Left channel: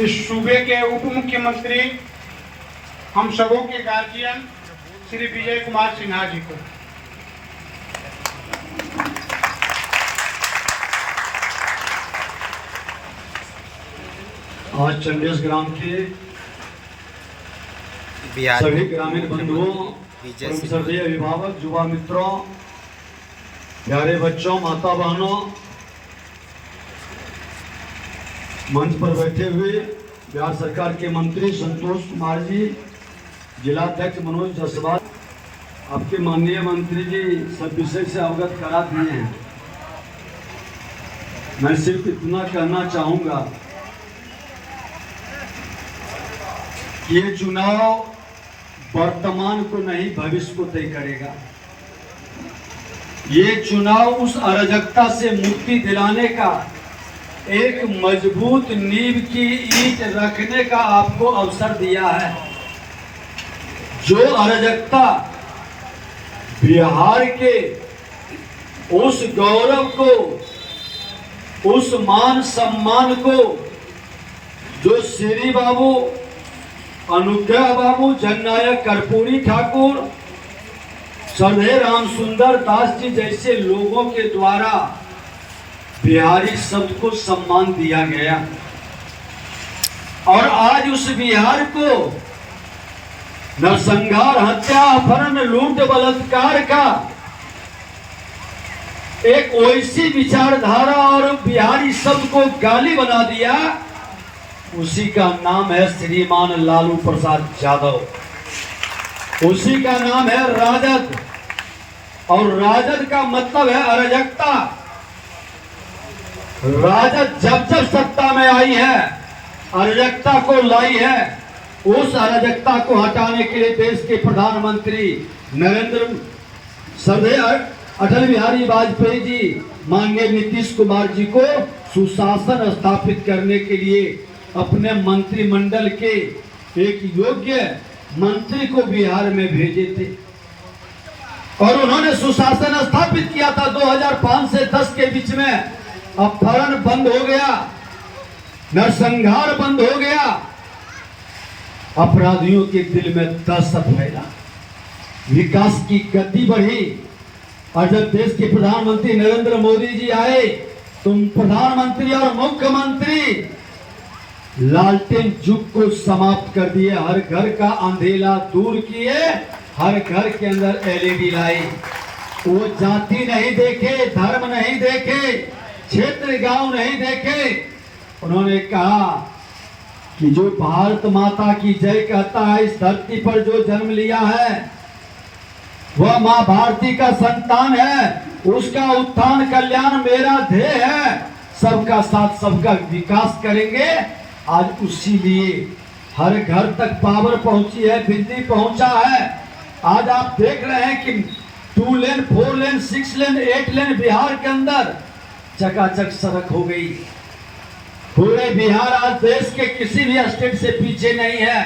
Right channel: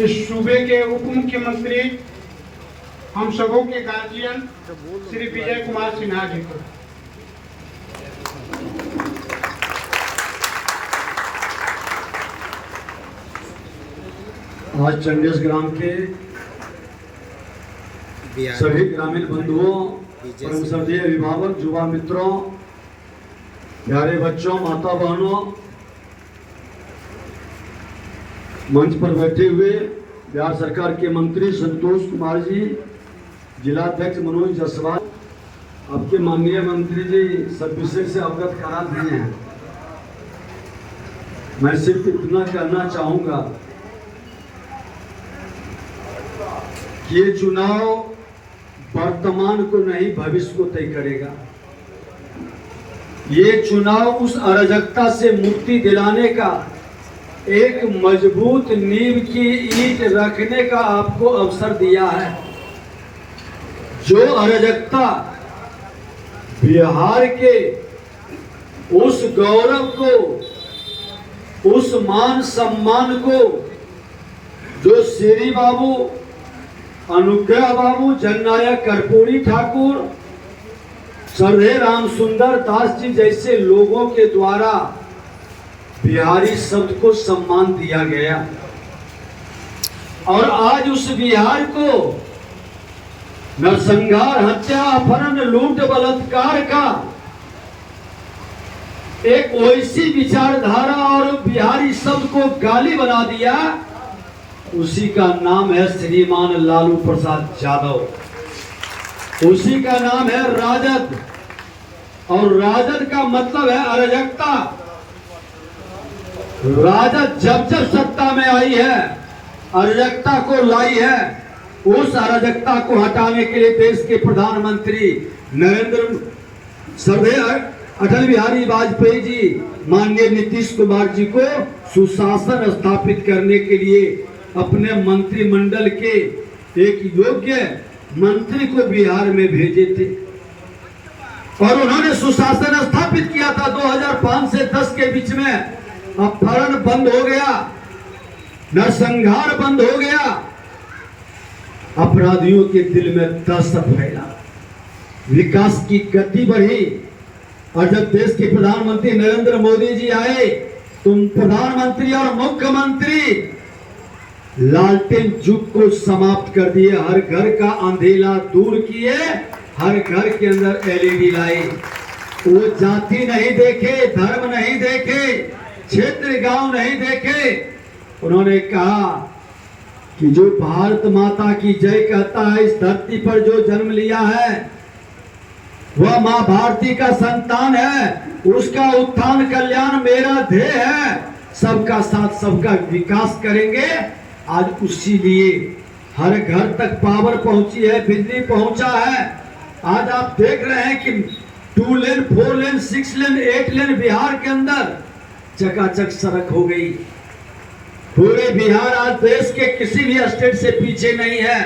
इस सूबे के उप मुख्यमंत्री हम सबों के गार्जियन श्री विजय कुमार सिन्हा जी को आज चंडेस ग्राम के सभी ग्रामीण बंधुओं, श्रद्धेय अभिभावक, युवा मित्रों, प्यारे बच्चों, माता बहनों, मंच पर बैठे हुए बिहार सरकार के मंत्री संतोष कुमार जी, जिलाध्यक्ष मनोज जायसवाल, आपके माननीय मंत्री जी सब विषय से अवगत करा दिए हैं। मैं सिर्फ इतना कहना चाहूंगा कि ये चुनाव वर्तमान को नहीं भविष्य को तय करेगा। ये चुनाव उस अराजकता से मुक्ति दिलाने का, एक मजबूत नींव की ईंट रखने का आपको अवसर दिया है। जो अराजकता बिहार के उस गौरव को, उस मान सम्मान को जो श्री बाबू, अनुग्रह बाबू, जननायक कर्पूरी ठाकुर, श्रद्धेय राम सुंदर दास जी जैसे लोगों के द्वारा बिहारी शब्द को सम्मान दिया गया, और आज उस बिहार को नरसंहार, हत्या, अपहरण, लूट, बलात्कार का एक वैसी विचारधारा और बिहारी शब्द को गाली बना दिया, उसी का नाम है श्रीमान लालू प्रसाद यादव, उसी का नाम है राजद। और राजद का मतलब है अराजकता। राजद जब जब सत्ता में आई है, अराजकता को लाई है। उस अराजकता को हटाने के लिए देश के प्रधानमंत्री श्रद्धेय अटल बिहारी वाजपेयी जी, माननीय नीतीश कुमार जी को सुशासन स्थापित करने के लिए अपने मंत्रिमंडल के एक योग्य मंत्री को बिहार में भेजे थे, और उन्होंने सुशासन स्थापित किया था। 2005 से 10 के बीच में अपहरण बंद हो गया, नरसंहार बंद हो गया, अपराधियों के दिल में दहशत फैला, विकास की गति बढ़ी। और जब देश के प्रधानमंत्री नरेंद्र मोदी जी आए, तुम प्रधानमंत्री और मुख्यमंत्री लालटेन युग को समाप्त कर दिए, हर घर का अंधेरा दूर किए, हर घर के अंदर एलईडी लाई। वो जाति नहीं देखे, धर्म नहीं देखे, क्षेत्र गांव नहीं देखे। उन्होंने कहा कि जो भारत माता की जय कहता है, इस धरती पर जो जन्म लिया है वह मां भारती का संतान है, उसका उत्थान कल्याण मेरा ध्येय है। सबका साथ सबका विकास करेंगे। आज उसी लिए हर घर तक पावर पहुंची है, बिजली पहुंचा है। आज आप देख रहे हैं कि 2 लेन, 4 लेन, 6 लेन, 8 लेन बिहार के अंदर चकाचक सड़क हो गई। पूरे बिहार आज देश के किसी भी स्टेट से पीछे नहीं है।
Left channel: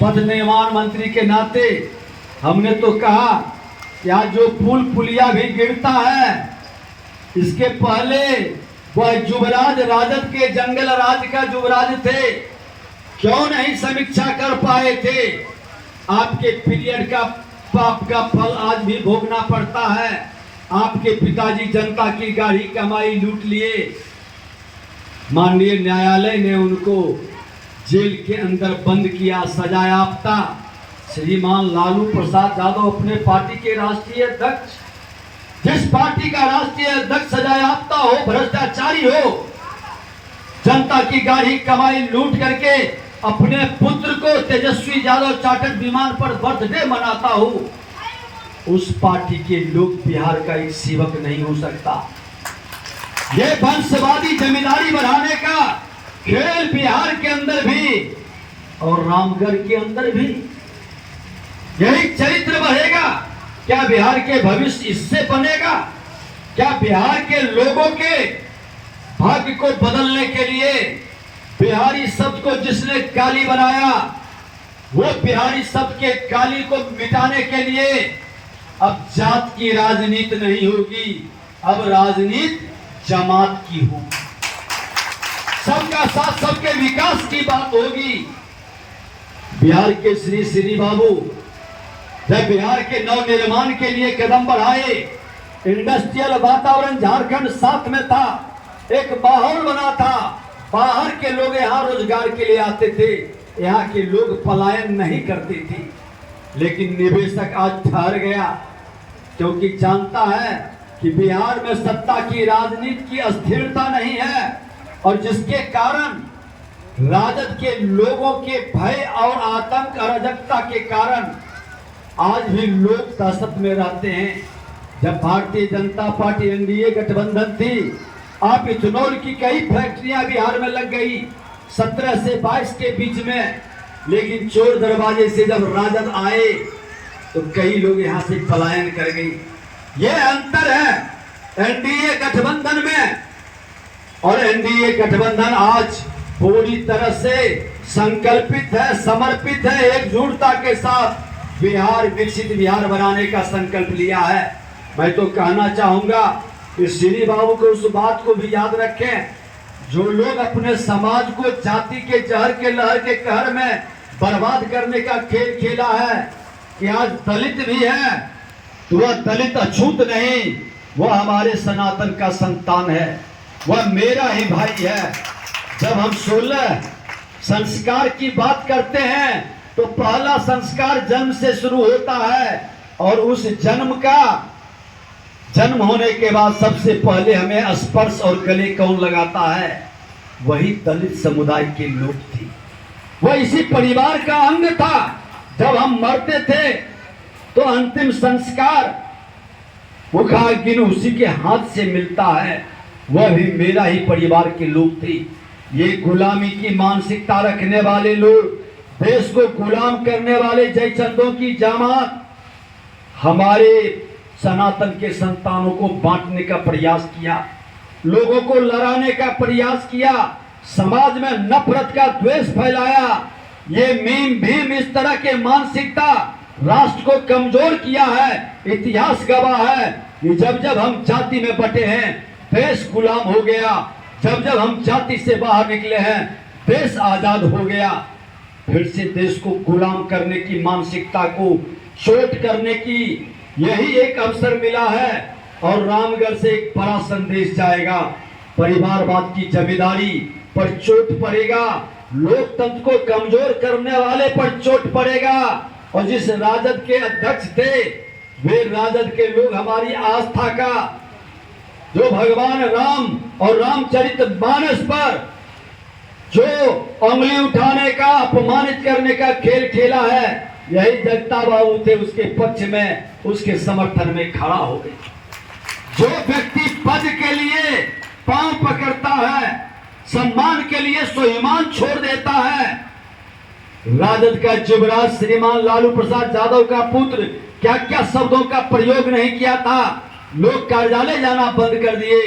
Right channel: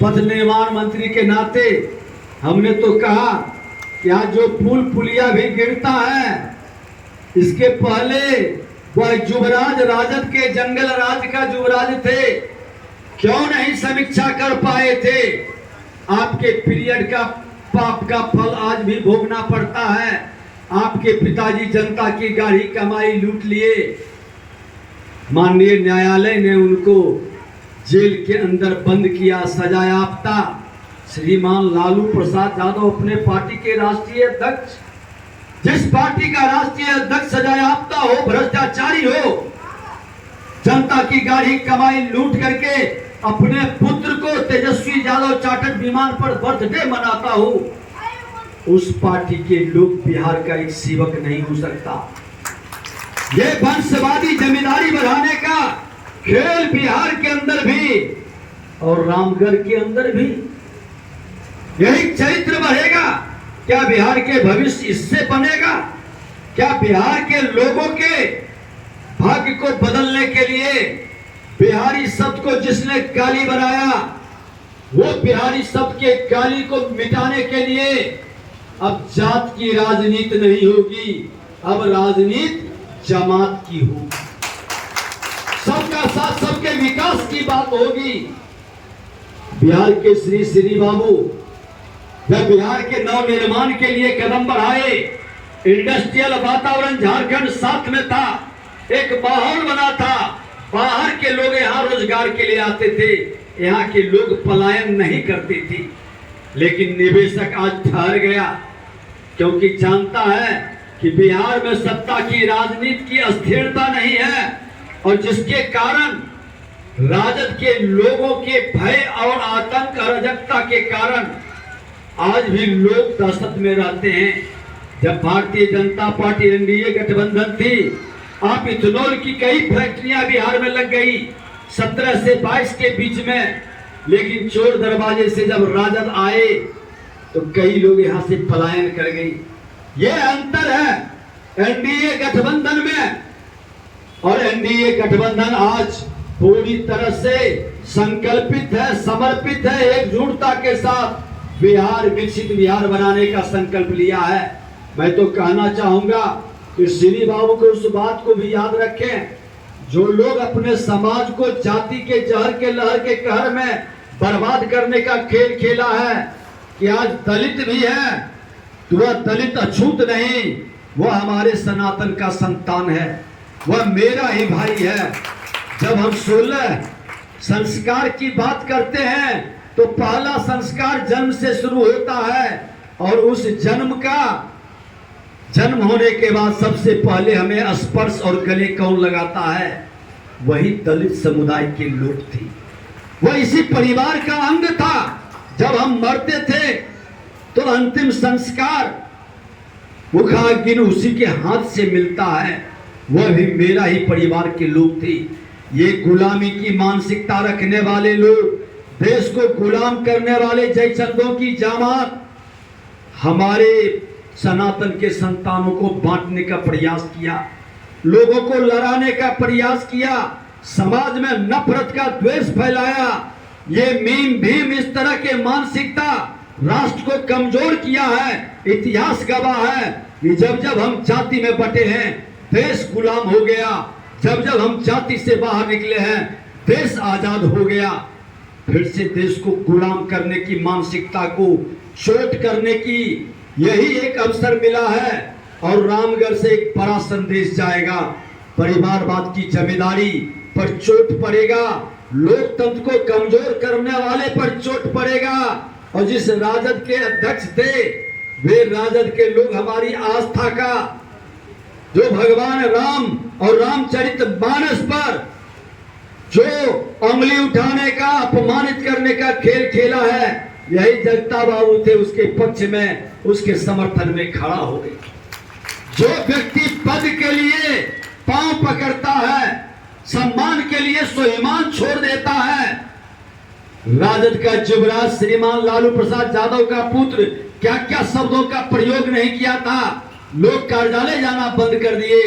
पथ निर्माण मंत्री के नाते हमने तो कहा कि आज जो पुल पुलिया भी गिरता है, इसके पहले वह युवराज, राजद के जंगल राज का युवराज थे, क्यों नहीं समीक्षा कर पाए थे? आपके पीरियड का पाप का फल आज भी भोगना पड़ता है। आपके पिताजी जनता की गाढ़ी कमाई लूट लिए, माननीय न्यायालय ने उनको जेल के अंदर बंद किया, सजा याफ्ता। श्रीमान लालू प्रसाद यादव अपने पार्टी के राष्ट्रीय अध्यक्ष, जिस पार्टी का राष्ट्रीय अध्यक्ष सजा याफ्ता हो, भ्रष्टाचारी हो, जनता की गाढ़ी कमाई लूट करके अपने पुत्र को तेजस्वी यादव चार्टर्ड विमान पर बर्थडे मनाता हो, उस पार्टी के लोग बिहार का एक सेवक नहीं हो सकता। ये वंशवादी जमींदारी बढ़ाने का खेल बिहार के अंदर भी और रामगढ़ के अंदर भी यही चरित्र बढ़ेगा। क्या बिहार के भविष्य इससे बनेगा? क्या बिहार के लोगों के भाग्य को बदलने के लिए बिहारी शब्द को जिसने गाली बनाया, वो बिहारी शब्द के गाली को मिटाने के लिए अब जात की राजनीति नहीं होगी, अब राजनीति जमात की होगी। सबका साथ, सबके विकास की बात होगी। बिहार के श्री बाबू जब बिहार के नव निर्माण के लिए कदम बढ़ाए, इंडस्ट्रियल वातावरण झारखंड साथ में था, एक माहौल बना था, बाहर के लोग यहाँ रोजगार के लिए आते थे, यहाँ के लोग पलायन नहीं करते थे। लेकिन निवेशक आज ठहर गया, क्योंकि जानता है कि बिहार में सत्ता की राजनीति की अस्थिरता नहीं है, और जिसके कारण राजद के लोगों के भय और आतंक अराजकता के कारण आज भी लोग दहशत में रहते हैं। जब भारतीय जनता पार्टी एनडीए गठबंधन थी, आप इथेनॉल की कई फैक्ट्रियां बिहार में लग गई 17 से 22 के बीच में, लेकिन चोर दरवाजे से जब राजद आए तो कई लोग यहां से पलायन कर गई। यह अंतर है एनडीए गठबंधन में, और एनडीए गठबंधन आज पूरी तरह से संकल्पित है, समर्पित है, एकजुटता के साथ बिहार विकसित बिहार बनाने का संकल्प लिया है। मैं तो कहना चाहूंगा कि श्री बाबू को उस बात को भी याद रखें, जो लोग अपने समाज को जाति के जहर के लहर के कहर में बर्बाद करने का खेल खेला है, कि आज दलित भी है तो वह दलित अछूत नहीं, वह हमारे सनातन का संतान है, वह मेरा ही भाई है। जब हम 16 संस्कार की बात करते हैं तो पहला संस्कार जन्म से शुरू होता है, और उस जन्म होने के बाद सबसे पहले हमें स्पर्श और गले कौन लगाता है? वही दलित समुदाय के लोग थे, वह इसी परिवार का अंग था। जब हम मरते थे तो अंतिम संस्कार मुखाग्नि उसी के हाथ से मिलता है, वह भी मेरा ही परिवार के लोग थे। ये गुलामी की मानसिकता रखने वाले लोग, देश को गुलाम करने वाले जयचंदों की जामात हमारे सनातन के संतानों को बांटने का प्रयास किया, लोगों को लड़ाने का प्रयास किया, समाज में नफरत का द्वेष फैलाया। ये मीम भीम इस तरह के मानसिकता राष्ट्र को कमजोर किया है। इतिहास गवाह है कि जब जब हम जाति में बटे हैं देश गुलाम हो गया, जब जब हम जाति से बाहर निकले हैं देश आजाद हो गया। फिर से देश को गुलाम करने की मानसिकता को चोट करने की यही एक अवसर मिला है, और रामगढ़ से एक बड़ा संदेश जाएगा। परिवारवाद की जिम्मेदारी पर चोट पड़ेगा, लोकतंत्र को कमजोर करने वाले पर चोट पड़ेगा। और जिस राजद के अध्यक्ष थे वे राजद के लोग हमारी आस्था का, जो भगवान राम और रामचरितमानस पर जो उंगली उठाने का, अपमानित करने का खेल खेला है, यही जगता बाबू थे उसके पक्ष में, उसके समर्थन में खड़ा हो गए। जो व्यक्ति पद के लिए पांव पकड़ता है, सम्मान के लिए स्वाभिमान छोड़ देता है। राजद का युवराज श्रीमान लालू प्रसाद यादव का पुत्र क्या क्या शब्दों का प्रयोग नहीं किया था, लोग कार्यालय जाना बंद कर दिए,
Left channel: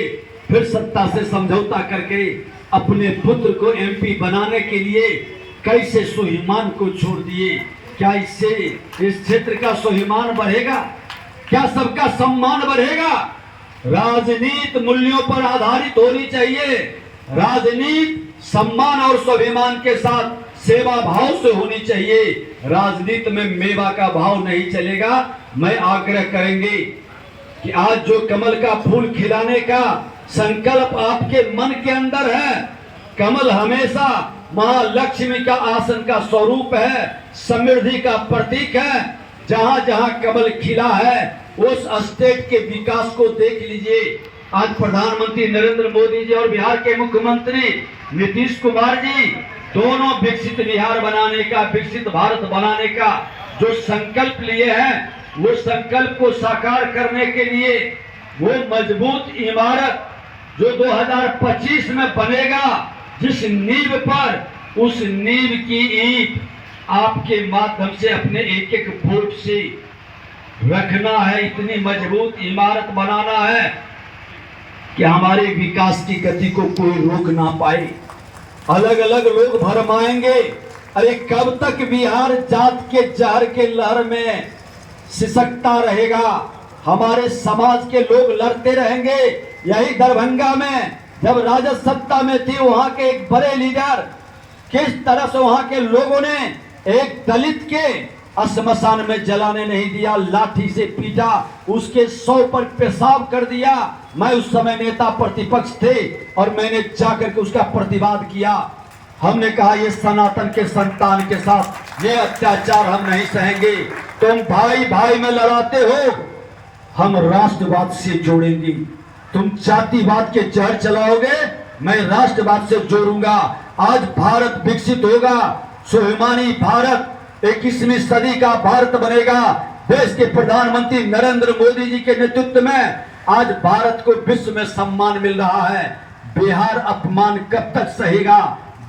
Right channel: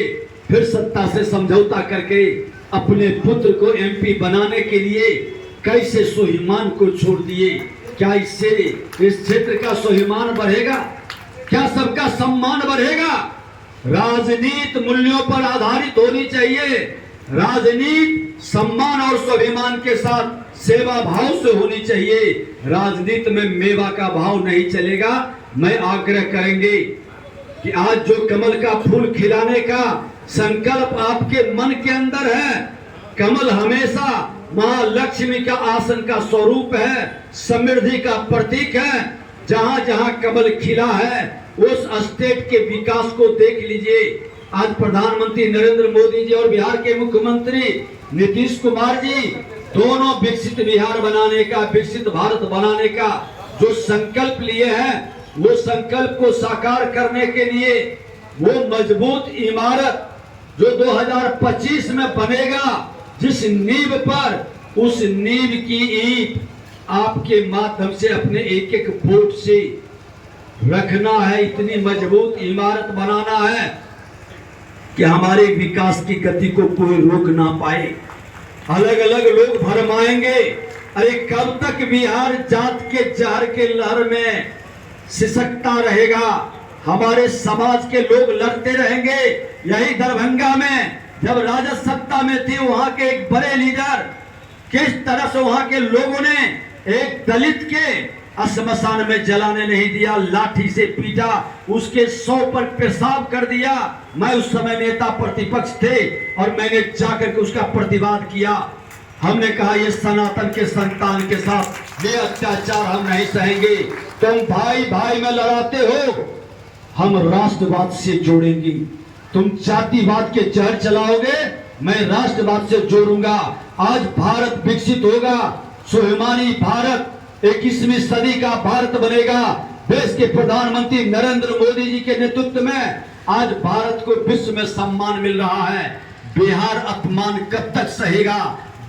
फिर सत्ता से समझौता करके अपने पुत्र को एमपी बनाने के लिए कैसे स्वाभिमान को छोड़ दिए। क्या इससे इस क्षेत्र का स्वाभिमान बढ़ेगा? क्या सबका सम्मान बढ़ेगा? राजनीति मूल्यों पर आधारित होनी चाहिए। राजनीति सम्मान और स्वाभिमान के साथ सेवा भाव से होनी चाहिए। राजनीति में मेवा का भाव नहीं चलेगा। मैं आग्रह करेंगे कि आज जो कमल का फूल खिलाने का संकल्प आपके मन के अंदर है, कमल हमेशा महालक्ष्मी का आसन का स्वरूप है, समृद्धि का प्रतीक है। जहां जहां कमल खिला है उस स्टेट के विकास को देख लीजिए। आज प्रधानमंत्री नरेंद्र मोदी जी और बिहार के मुख्यमंत्री नीतीश कुमार जी दोनों विकसित बिहार बनाने का, विकसित भारत बनाने का जो संकल्प लिए हैं, वो संकल्प को साकार करने के लिए वो मजबूत इमारत जो 2025 में बनेगा, जिस नींव पर, उस नींव की ईंट आपके माध्यम से अपने एक एक वोट से रखना है। इतनी मजबूत इमारत बनाना है कि हमारे विकास की गति को कोई रोक ना पाए। अलग अलग लोग भरमाएंगे, अरे कब तक बिहार जात के जहर के लहर में सिसकता रहेगा? हमारे समाज के लोग लड़ते रहेंगे। यही दरभंगा में जब राजद सत्ता में थी वहां के एक बड़े लीडर किस तरह से वहां के लोगों ने एक दलित के श्मशान में जलाने नहीं दिया, लाठी से पीटा, उसके 100 पर पेशाब कर दिया। मैं उस समय नेता प्रतिपक्ष थे और मैंने जाकर के उसका प्रतिवाद किया। हमने कहा ये सनातन के संतान के साथ ये अत्याचार हम नहीं सहेंगे। तुम भाई भाई में लड़ाते हो, हम राष्ट्रवाद से जोड़ेंगे। तुम जातिवाद के जहर चलाओगे, मैं राष्ट्रवाद से जोड़ूंगा। आज भारत विकसित होगा, स्वाभिमानी भारत 21वीं सदी का भारत बनेगा। देश के प्रधानमंत्री नरेंद्र मोदी जी के नेतृत्व में आज भारत को विश्व में सम्मान मिल रहा है। बिहार अपमान कब तक सहेगा?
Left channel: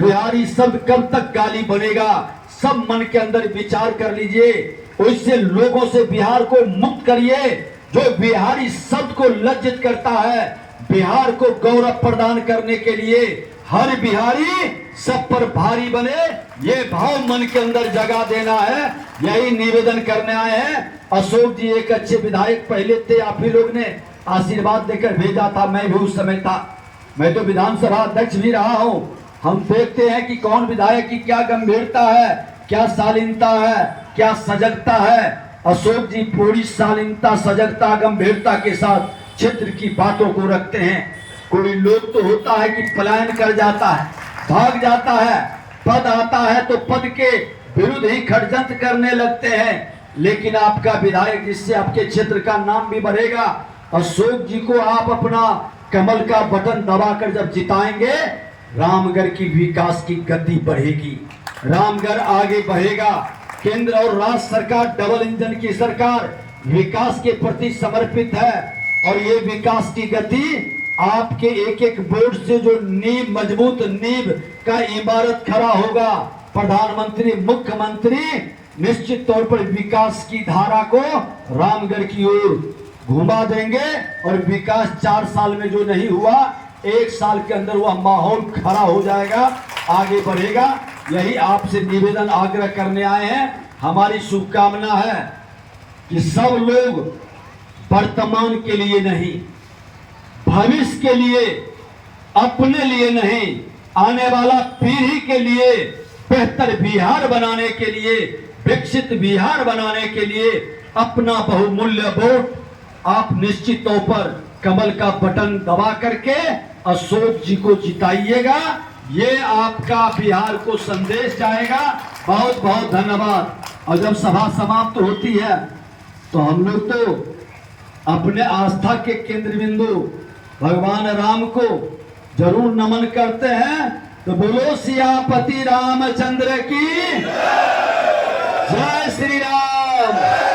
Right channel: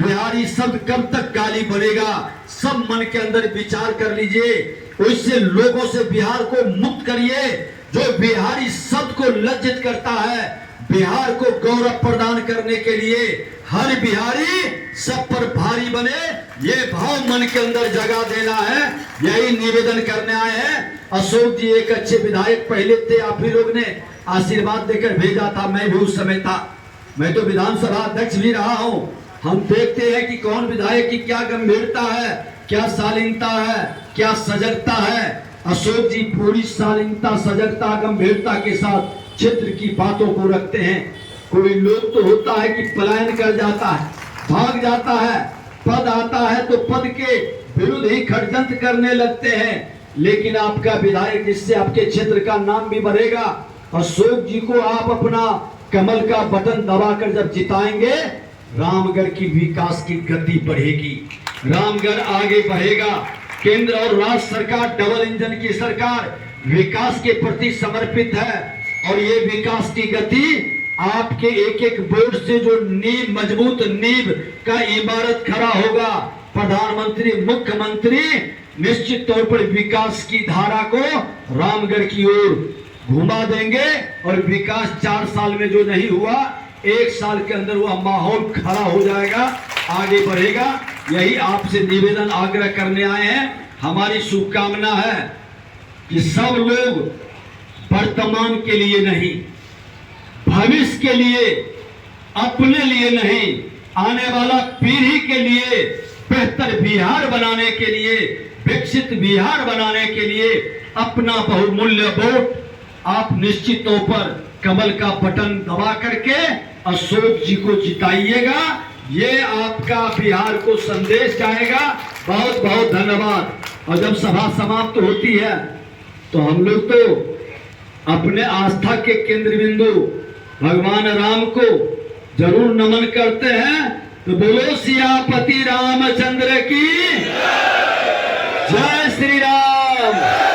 बिहारी शब्द कब तक गाली बनेगा? सब मन के अंदर विचार कर लीजिए, उससे लोगों से बिहार को मुक्त करिए। जो बिहारी शब्द को लज्जित करता है, बिहार को गौरव प्रदान करने के लिए हर बिहारी सब पर भारी बने, ये भाव मन के अंदर जगा देना है। यही निवेदन करने आए हैं। अशोक जी एक अच्छे विधायक पहले थे, आप ही लोग ने आशीर्वाद देकर भेजा था, मैं भी उस समय था। मैं तो विधानसभा अध्यक्ष भी रहा हूं। हम देखते हैं कि कौन विधायक की क्या गंभीरता है, क्या शालीनता है, क्या सजगता है। अशोक जी पूरी शालीनता, सजगता, गंभीरता के साथ क्षेत्र की बातों को रखते हैं। कोई लोग तो होता है कि पलायन कर जाता है, भाग जाता है, पद आता है तो पद के विरुद्ध ही षड्यंत्र करने लगते हैं। लेकिन आपका विधायक, जिससे आपके क्षेत्र का नाम भी बढ़ेगा, अशोक जी को आप अपना कमल का बटन दबाकर जब जिताएंगे, रामगढ़ की विकास की गति बढ़ेगी, रामगढ़ आगे बढ़ेगा। केंद्र और राज्य सरकार डबल इंजन की सरकार विकास के प्रति समर्पित है और ये विकास की गति आपके एक एक वोट से जो नींव, मजबूत नींव का इमारत खड़ा होगा। प्रधानमंत्री, मुख्यमंत्री निश्चित तौर पर विकास की धारा को रामगढ़ की ओर घुमा देंगे और विकास 4 साल में जो नहीं हुआ, 1 साल के अंदर वह माहौल खड़ा हो जाएगा, आगे बढ़ेगा। यही आपसे निवेदन, आग्रह करने आए हैं। हमारी शुभकामना है कि सब लोग वर्तमान के लिए नहीं, भविष्य के लिए, अपने लिए नहीं, आने वाला पीढ़ी के लिए बेहतर बिहार बनाने के लिए, विकसित बिहार बनाने के लिए अपना बहुमूल्य वोट आप निश्चित तौर पर कमल का बटन दबा करके अशोक जी को जिताइएगा। ये आपका बिहार को संदेश जाएगा। बहुत बहुत धन्यवाद। और जब सभा समाप्त होती है तो हम लोग तो अपने आस्था के केंद्र बिंदु भगवान राम को जरूर नमन करते हैं। तो बोलो सियापति रामचंद्र की जय श्री राम।